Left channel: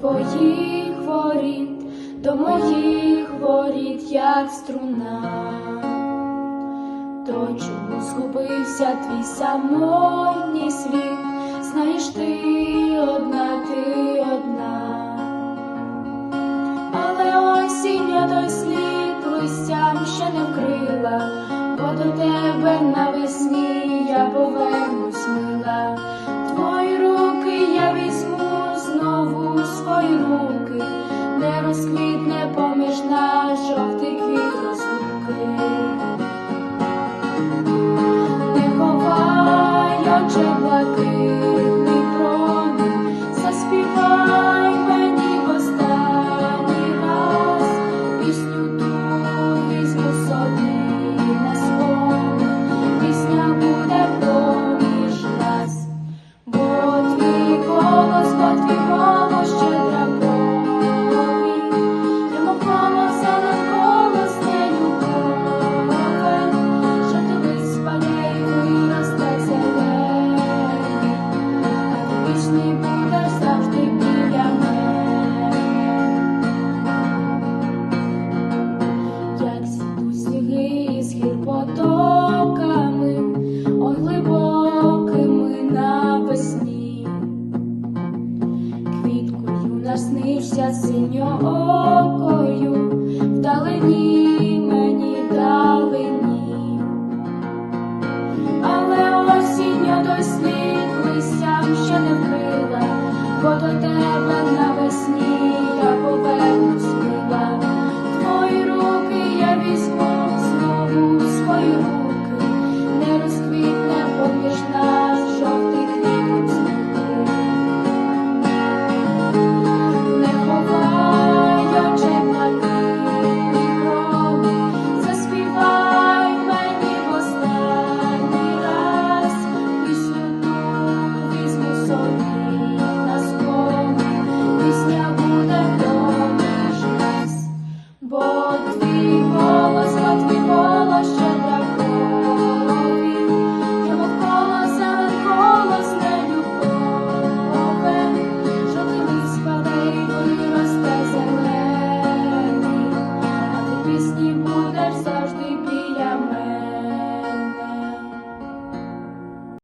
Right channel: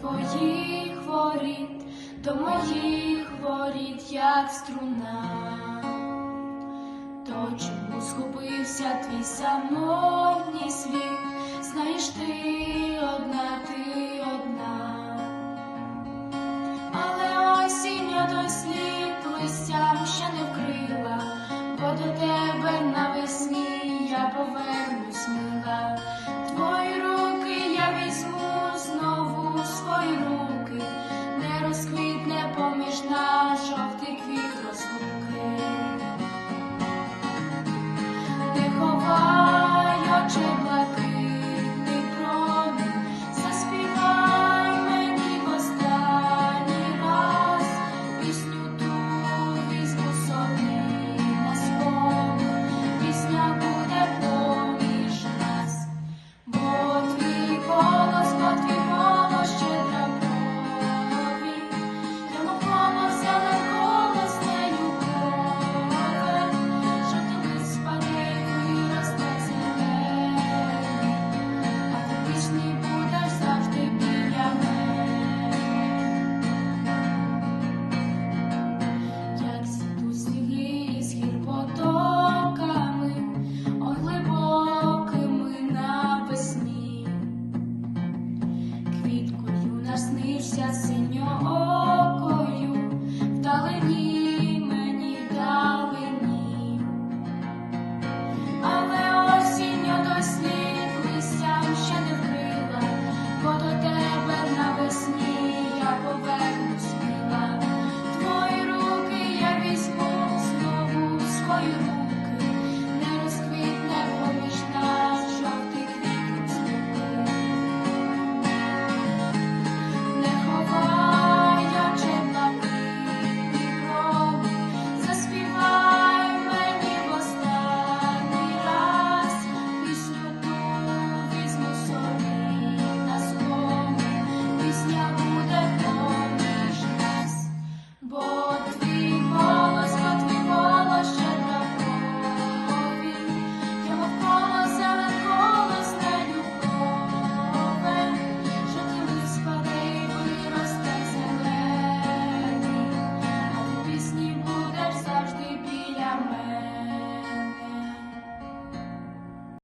твоїх воріт, до моїх воріт, як струна. То чому згубився твій самотній світ? Знаєш, ти одна, ти одна. Але осінь той слід листям ще не вкрила, бо до тебе навесні я повернусь мила. Твої руки я візьму свої руки, не розквітне поміж нас жовтий квіт розлуки. Не ховай очей синьоокою вдалині.